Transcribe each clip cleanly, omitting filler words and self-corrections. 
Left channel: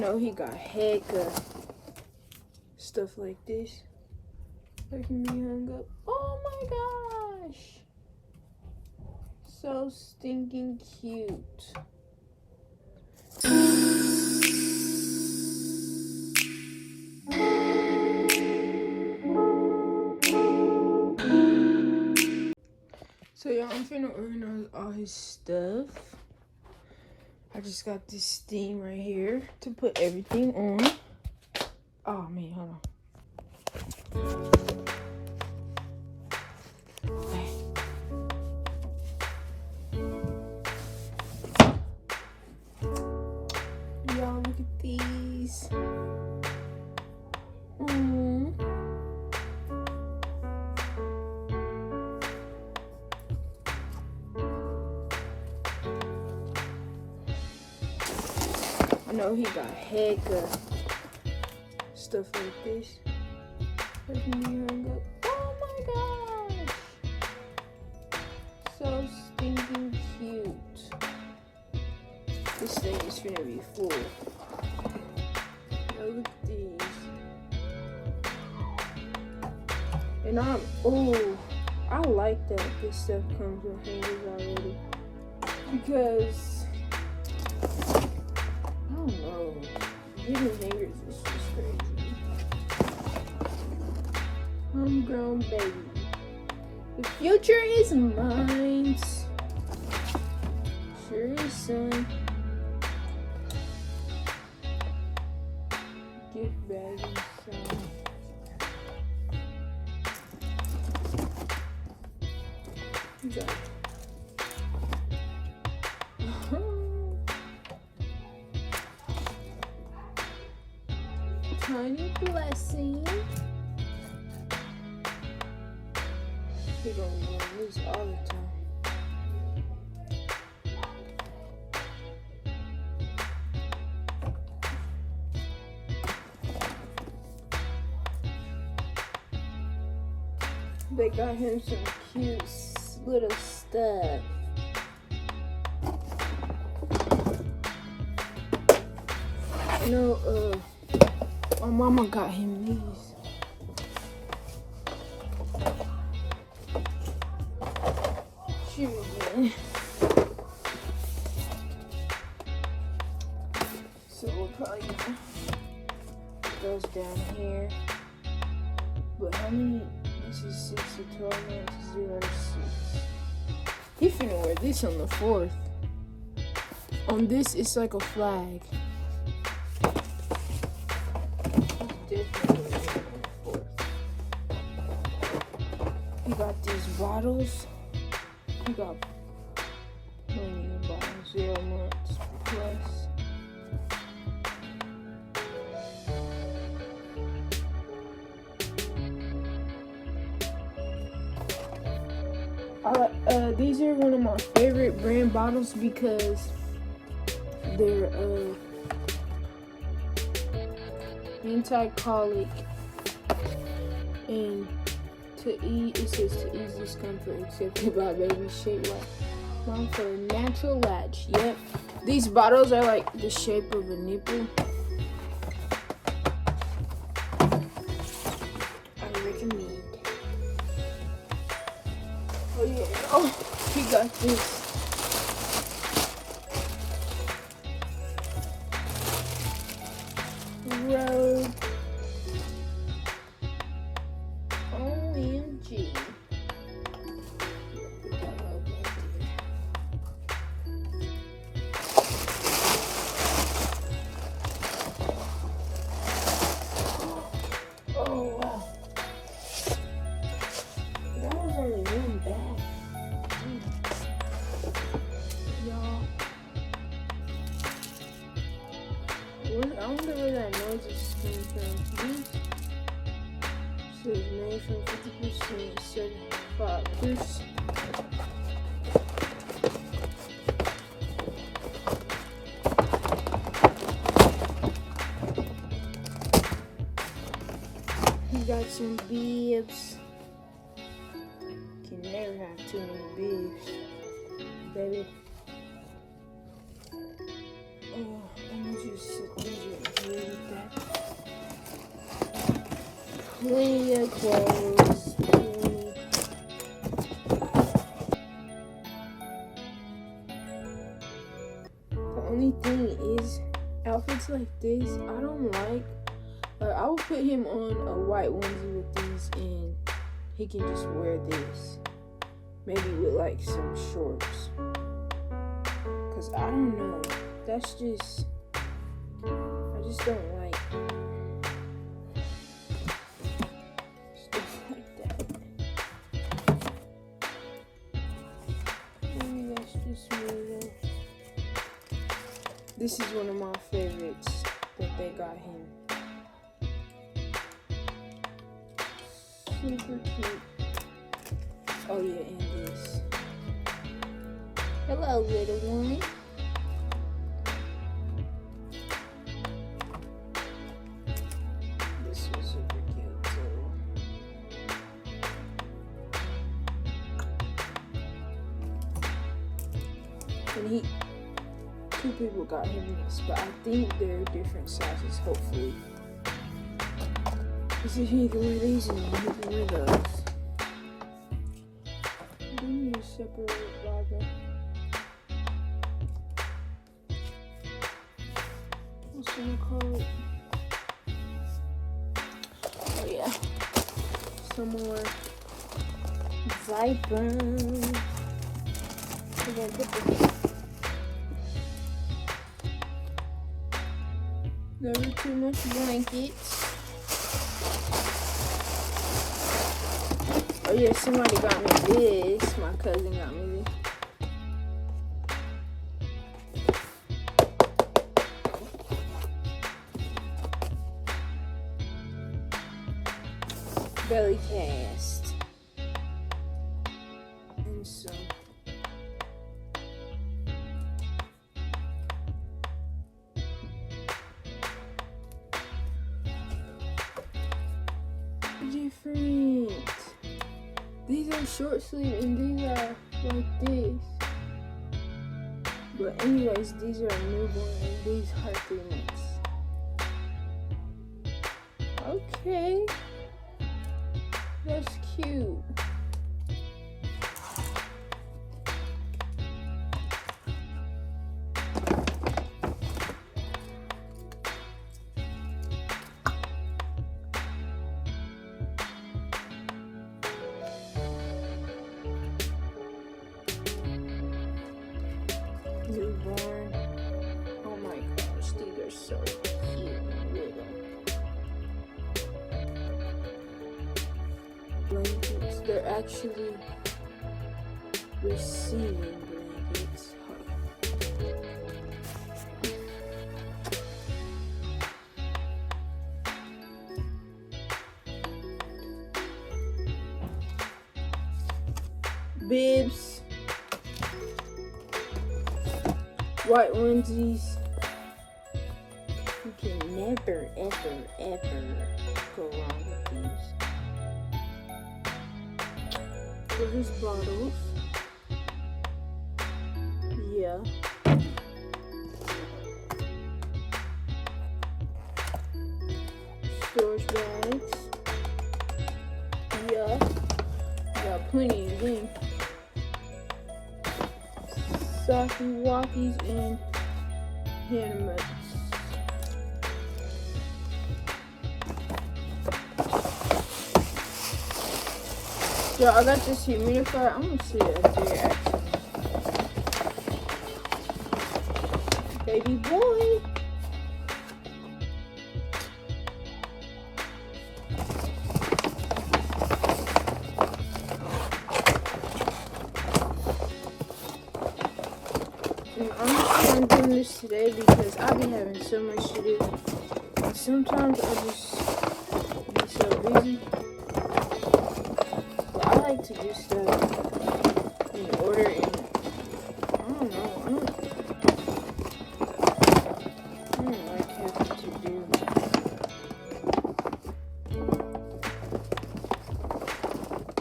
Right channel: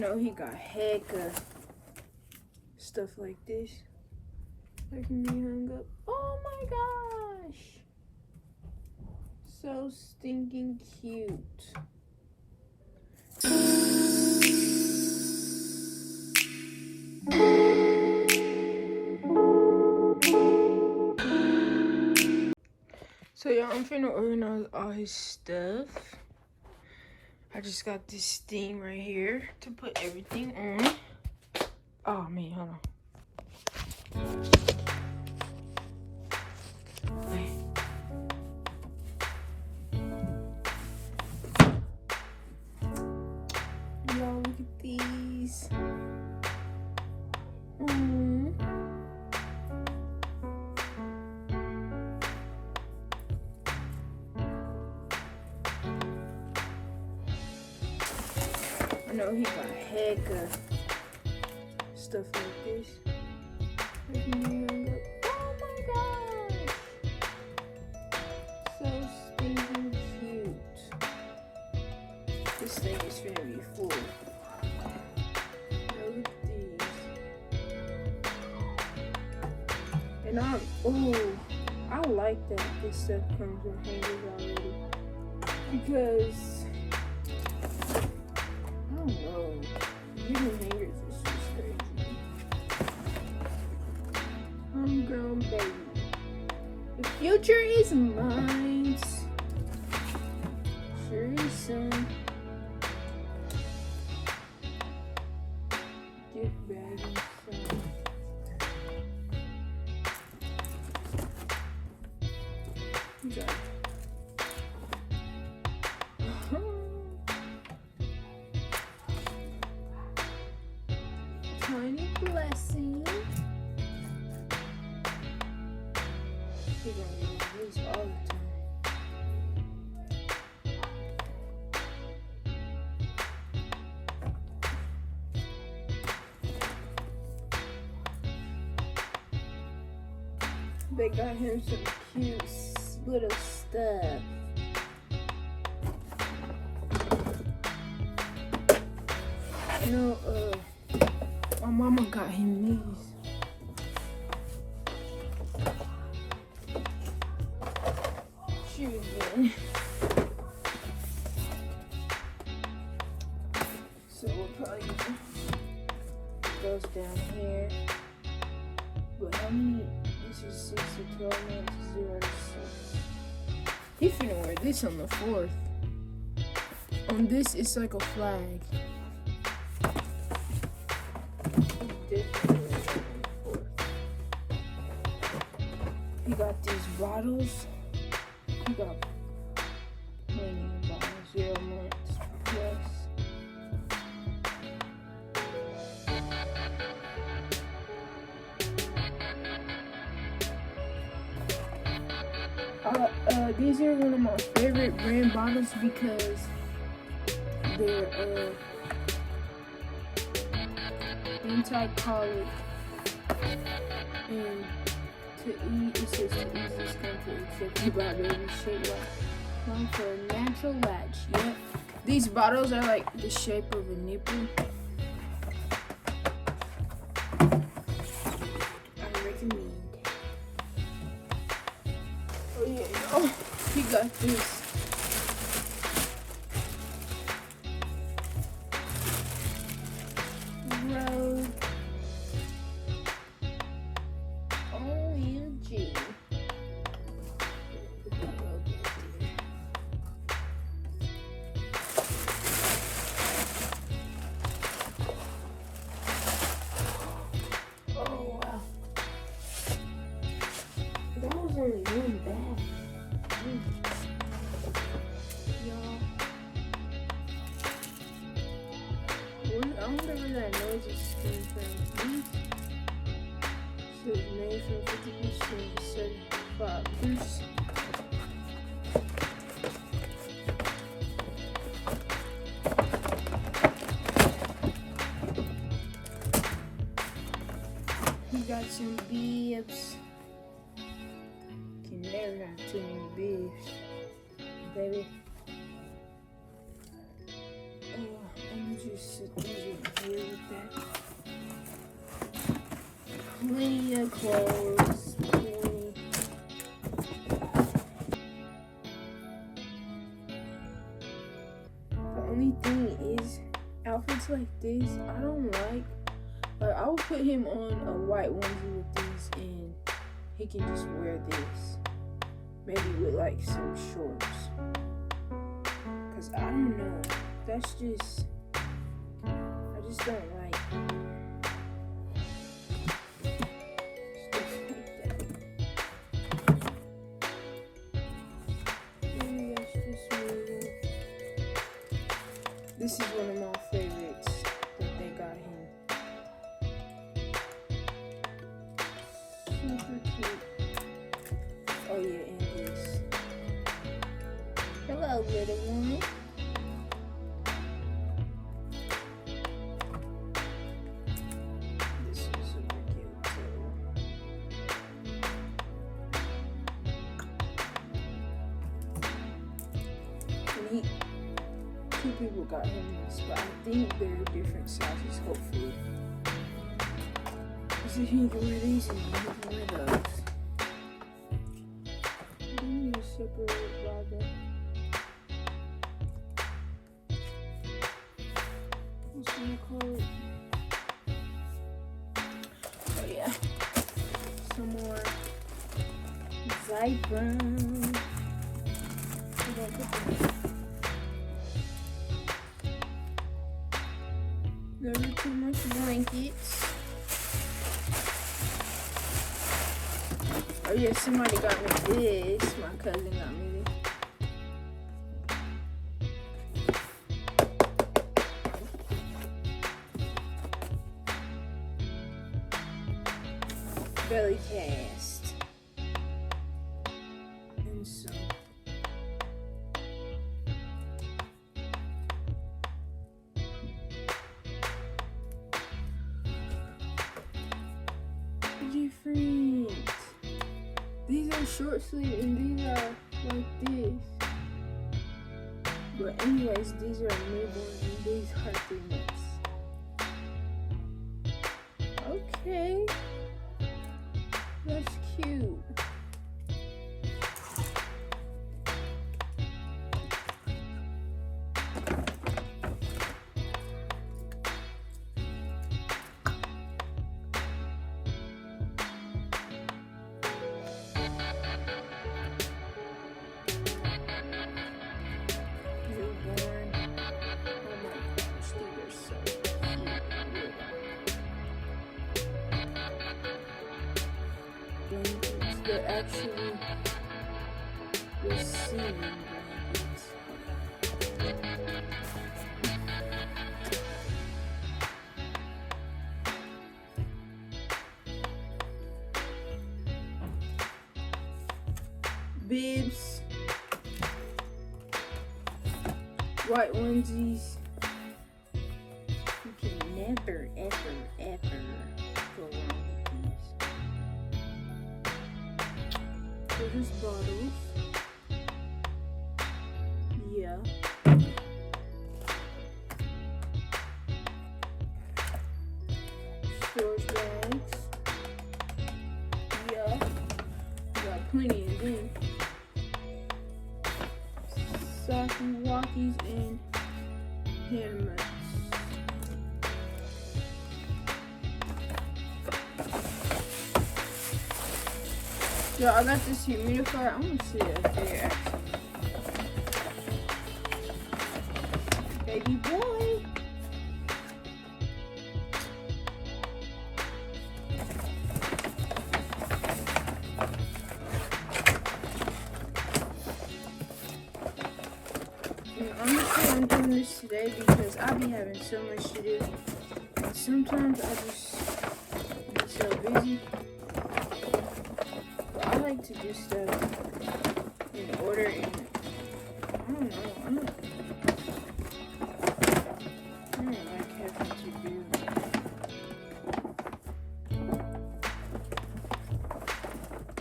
know he got heck of stuff like this. That can be hung up. Oh my gosh! So stinking cute. So yeah, I'm finna organize all his stuff. I just got this steam right here to put everything on. Oh man, hold on. Y'all look at these. I know he got heck of stuff like this. Oh my gosh! So stinking cute. This thing is gonna be full. Look at these. And I like that this stuff comes with hangers already. Because I don't know. Getting hangers is just crazy. Homegrown baby. The future is mine. Sure is, son. Gift bag inside. Okay. Tiny blessing. We're gonna use this all the time. They got him some cute little stuff. You know, my mama got him these. Children. So we'll probably goes down here. But how many? This is 6 to 12 months, 0 to 6. He finna wear this on the 4th. On this, it's like a flag. You got these bottles. You got plenty of bottles, 0 months plus. These are one of my favorite brand bottles because they're anti-colic and to eat, it says to ease discomfort except by baby shit. One for a natural latch. Yep. These bottles are like the shape of a nipple. I recommend. Oh yeah, oh, he got this. Road. OMG. That was only one bag. Y'all. I wonder where that noise is coming from. So it's made from 50% 75 juice. We got some bibs. Can never have too many bibs, baby. I'm gonna just sit these in the plenty of clothes. The only thing is, outfits like this, I don't like. I would put him on a white onesie with these, and he can just wear this. Maybe with like some shorts. Cause I don't know. That's just, I just don't like stuff like that. Maybe that's just me. This is one of my favorites that they got him. Super cute. Oh yeah, and this. Hello, little one. This is super cute too. And two people got him this, but I think they're different sizes, hopefully. Because if he can wear these and he can wear those. I need to separate Baba. What's it called? Oh yeah. Some more Zypern. We're gonna put this. Never too much blankets. Oh yeah, somebody got me this. My cousin got me this. Belly cast. And so. Different. These are short sleeve and these are like this. But anyways, these are newborn and these are 3 months. Okay. That's cute. Newborn. Oh my gosh, these are so cute. Blankets. They're actually receiving blankets. Bibs. White onesies. You can never, ever go wrong with these. So these bottles. Yeah. Storage bags. Yeah. Got plenty of them. Socky walkies and hand mitts. Yo, I got this humidifier. I'm gonna sit up there actually. Baby boy. Honestly, I'm doing this today because I've been having so much to do. And sometimes I just be so busy. But I like to do stuff in order, and I don't know. I don't like having to do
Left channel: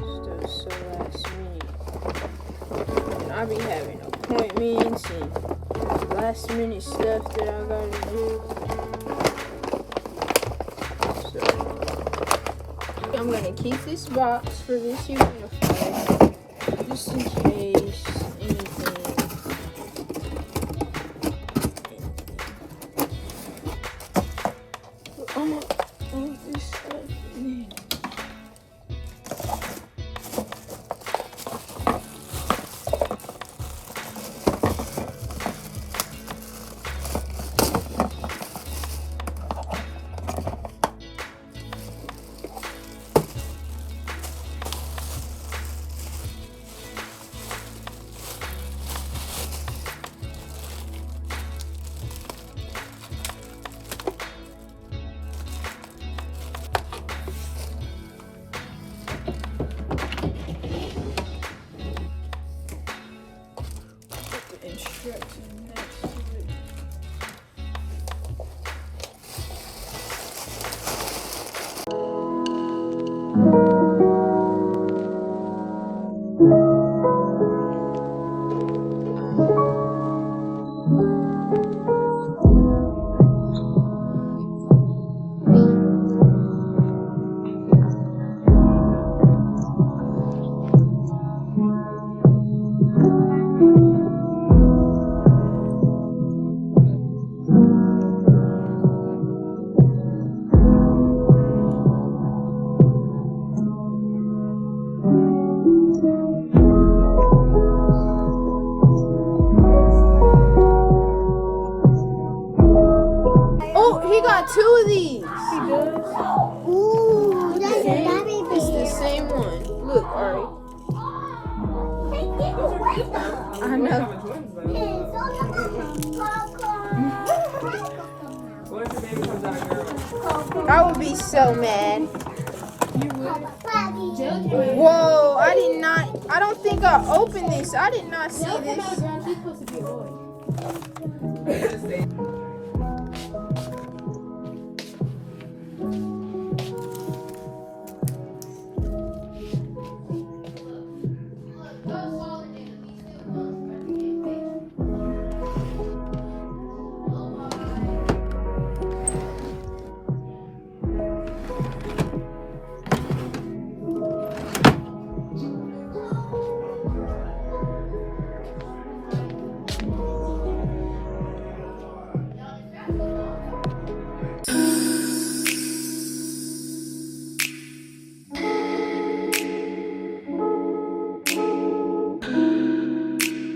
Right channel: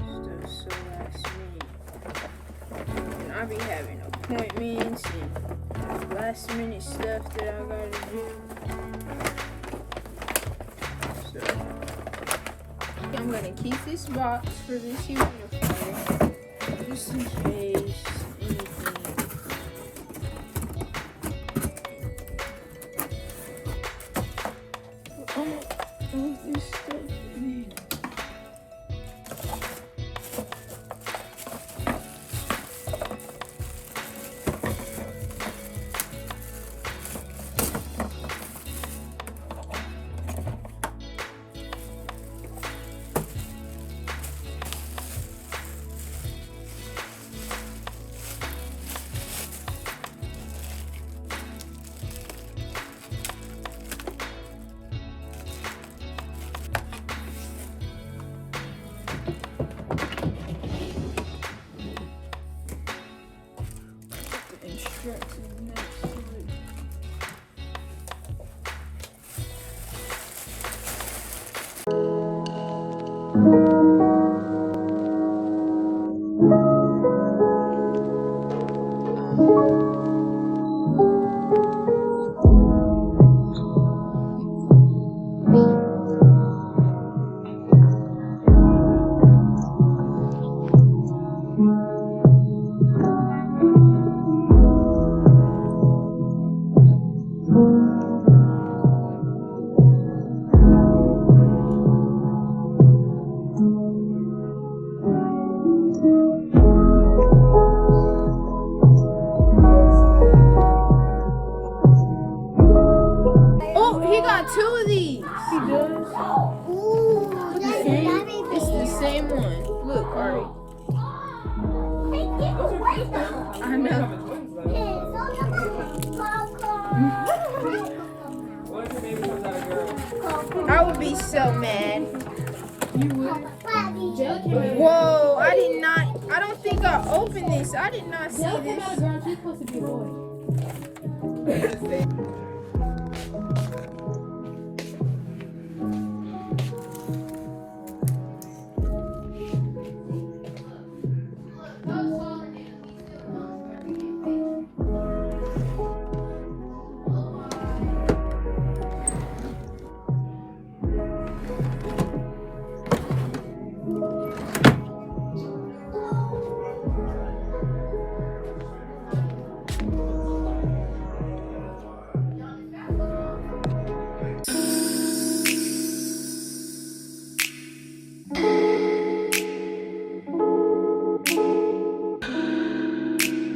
stuff so last minute. And I be having appointments and last minute stuff that I gotta do. So keep this box for this uniform, just in case anything. All this stuff in here. Instructions next to it. He got two of these. He does? Ooh, it's the same one. Look, alright. I know. I would be so mad. You would? Whoa, I don't think I opened this. I did not see this.